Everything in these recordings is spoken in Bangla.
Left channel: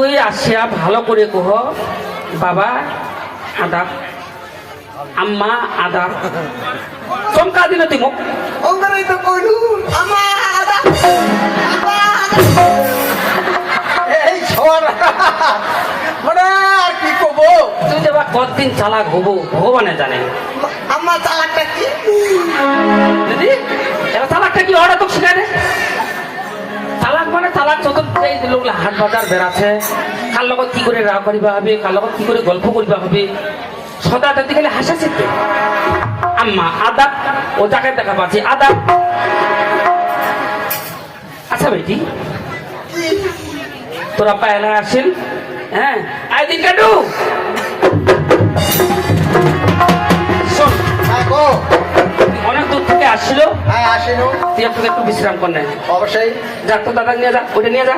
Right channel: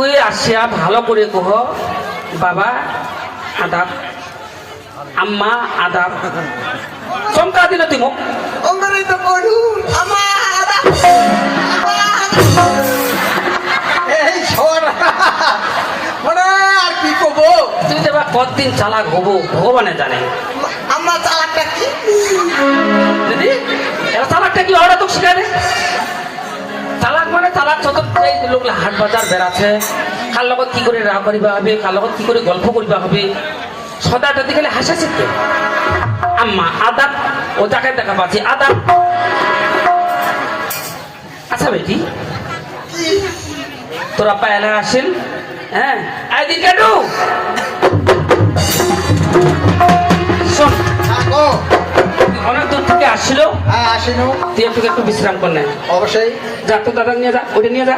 তুই আসিয়া ভালো করে কহ বাবা আদাব আম্মা আদাব। চমকা দিল তুই মোক অঙ্গরাই তো করু আমার এই সবার মানে আর কি কব? তুই দেবা কতদিন চালাক হব ভগবানে জানে। আমার চালাকটা কি? দিদি এরা তালাকটা কি ওরা তো শিখে রে? মানে তালাক যত এই লোক হাট বাজার বেড়াচ্ছে, কার লগত কি করে রাগ করিবা হবে, কার লগত কি করে গল্প করিবা হবে, সদা যদি গেলে হাসা শিখবে আম্মা, আদাব, ও যাকে দেখা পাচ্ছি, আদাব। আচ্ছা বেটি, তোরা পায়লা আসেন হ্যাঁ? আই দিন কাটু। শোন। থাকো অনেক দূর থেকে আসছিল। হ্যাঁ আসিনু তুই একটু একটু বিশ্রাম কর নেয় অবশ্যই। যা তো দাদা নিয়ে যা ওটা নিয়ে যা।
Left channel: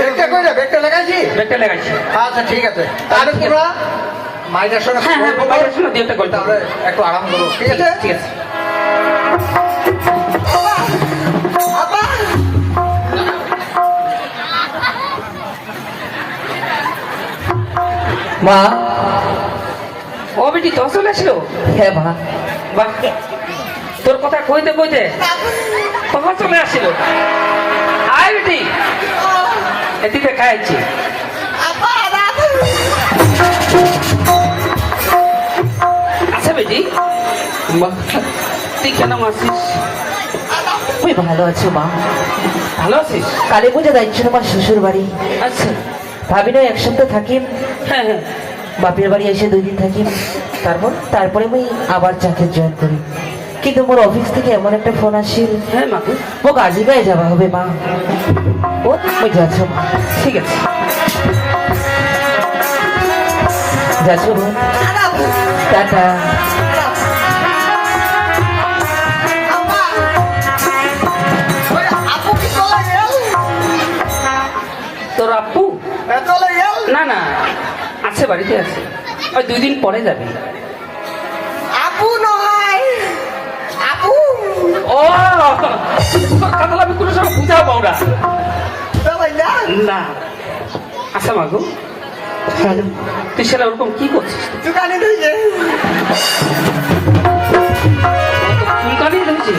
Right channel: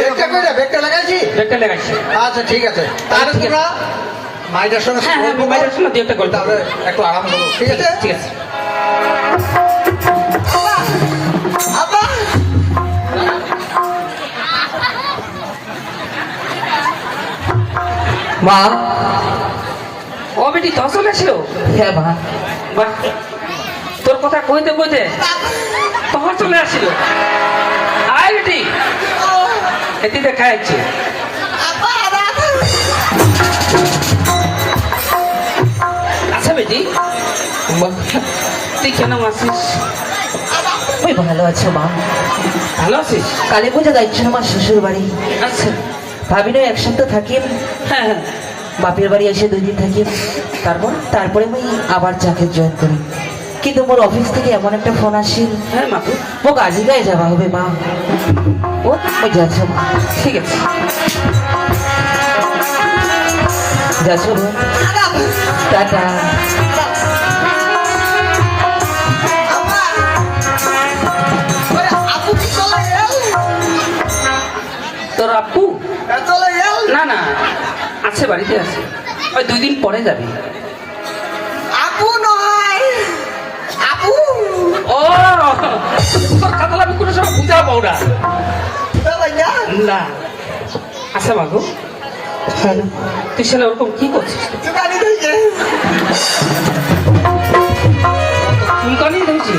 ব্যাগটা কই ব্যাগটা লাগাইছি? ব্যাগটা লেগাইছি। আচ্ছা ঠিক আছে। ঠিক আছে। তোমরা মাইটার সঙ্গে হ্যাঁ হ্যাঁ মোবাইলের জন্য দুই একটা তাহলে একটু আরাম করো ঠিক আছে ঠিক আছে। মা বেটি তো চলে আসছিল হ্যাঁ মা বাহ। তোর কথা কইতে কইতে তখন চলে আসছিল আয় বেটি এদিকে খাইছি আচ্ছা বেটি। তুই কেন আসিস আমি ভালো আছি মা। ভালো আছিস? কালী পুজো যাচ্ছিল মা শ্বশুর বাড়ি আচ্ছা। ভাবি না এক সপ্তাহ থাকি হ্যাঁ হ্যাঁ। বাপের বাড়ি এসে দুই দিন থাকি। তারপর তারপরে আমি আবার চাকরি জয়েন করি। কিন্তু মোর অফিস থেকে এমন একটা ফোন আসিল হ্যাঁ মা। ও আজি গায়ে যাওয়া হবে মা। ও ওই যাচ্ছ ঠিক আছে। যাচ্ছ টাটা। আছে বাড়িতে আছে। ওই দুই দিন পরে যাবি। আপু নয়। আপু। ও তোর কথা আমি কোনো সময় বুঝা পাও না। আচ্ছা মাগু তুই সেটা ওরকম কি করছিস? চুলকানি ধুচ্ছে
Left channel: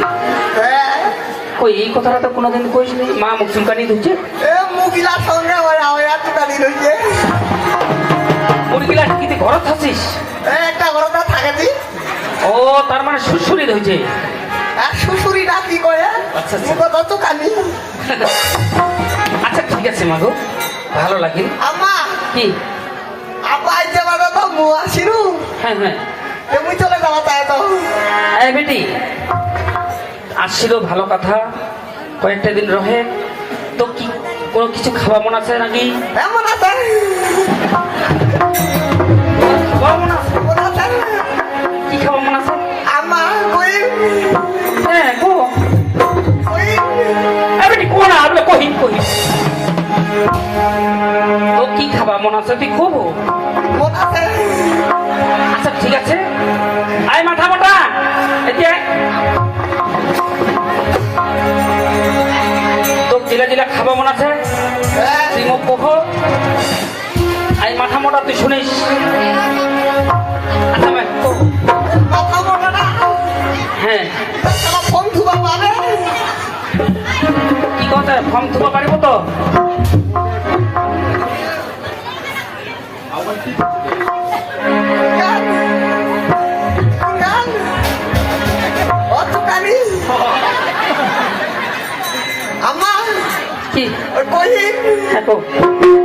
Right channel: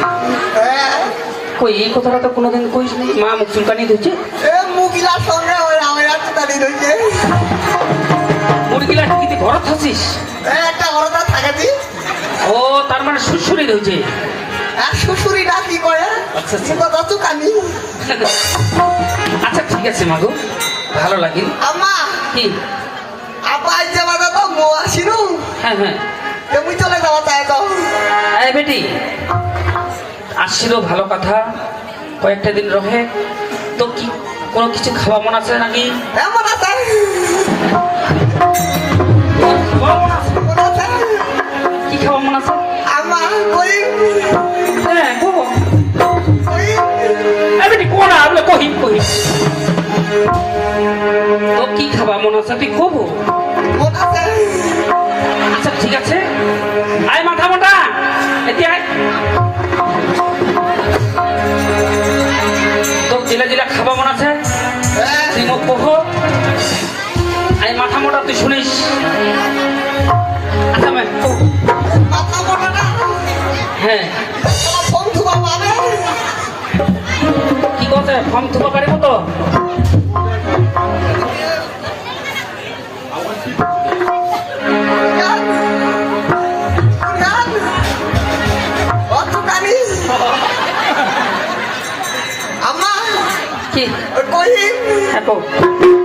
কই এই কথাটা তো কোনোদিন কইস মা মুখ চুলকানি ধুচ্ছে এ মুগিলার সঙ্গে হয় মুরগিলা কি ঘর থাকছিস একটা ঘরটা থাকে ও তার মানে সুরসুরি ধুচ্ছে আর শ্বশুরিটা কি করে? আচ্ছা, আচ্ছা। মুখ আচ্ছা ঠিক আছে মাগো ভালো লাগে। আমা কি? আপা আইতে বাবা তো মো আসিনু হ্যাঁ হ্যাঁ। এমনি চলে যাওয়া চাই তো। এই বেটি আসছিল ভালো কথা। কয়েকটা দিন রহে। তো কি কোনো কিছু খাওয়া মন আছে নাকি? মন আছে? আছে? কি খাওয়া মন আছে? আমা কই? হ্যাঁ কো না আপনি কহিম কহিম তো কি খাওয়া মন আছে? তুই খুব? মনে আছে। শুনিস? আচ্ছা হ্যাঁ। কি কথা ফর্ম থুবা পারিব তো অতকানি কি? কই হ্যাঁ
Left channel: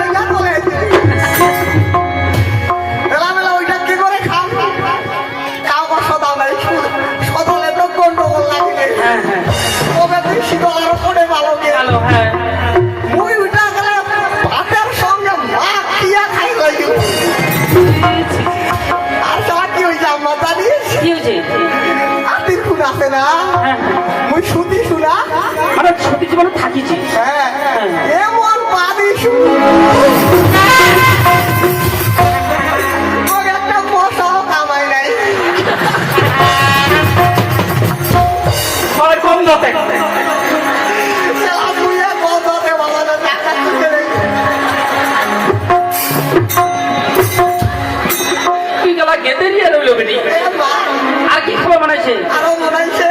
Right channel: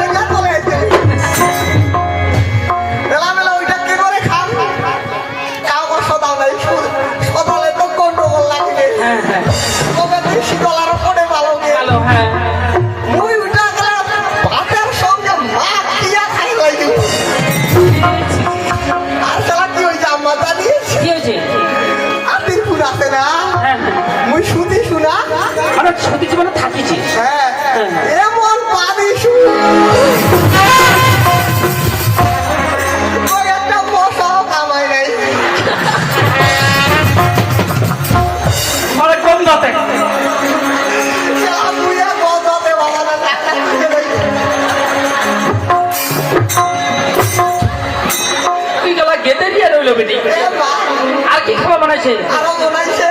বলেছে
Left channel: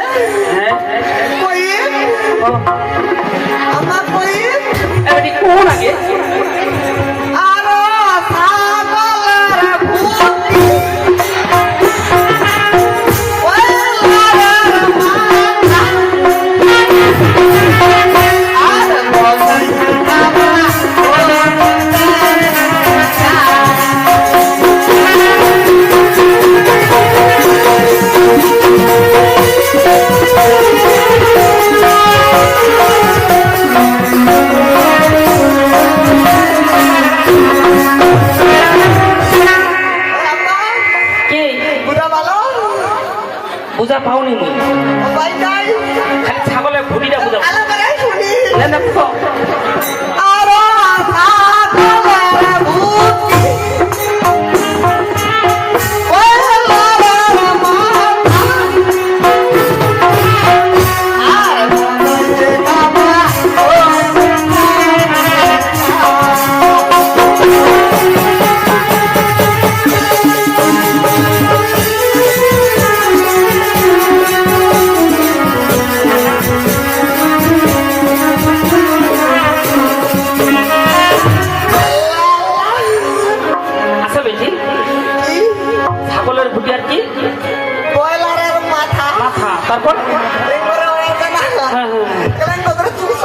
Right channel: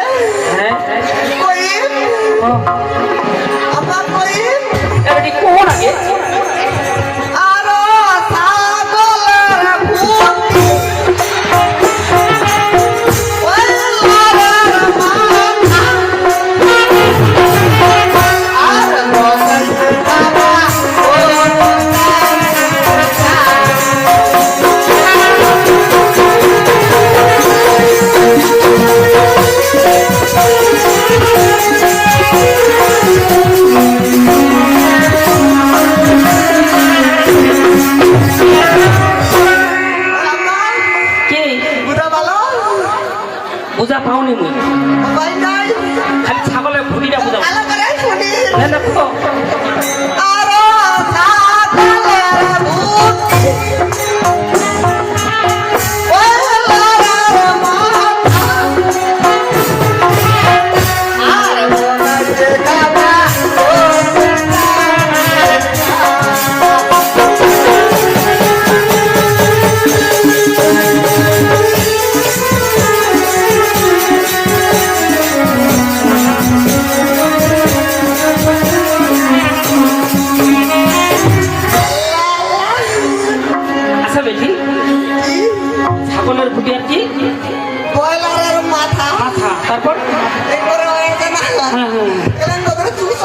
হ্যাঁ। কই আমার কোন আগে।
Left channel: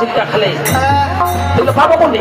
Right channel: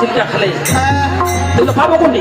চিত্রা খালে। খেলে কিন্তু পাবো কোনটি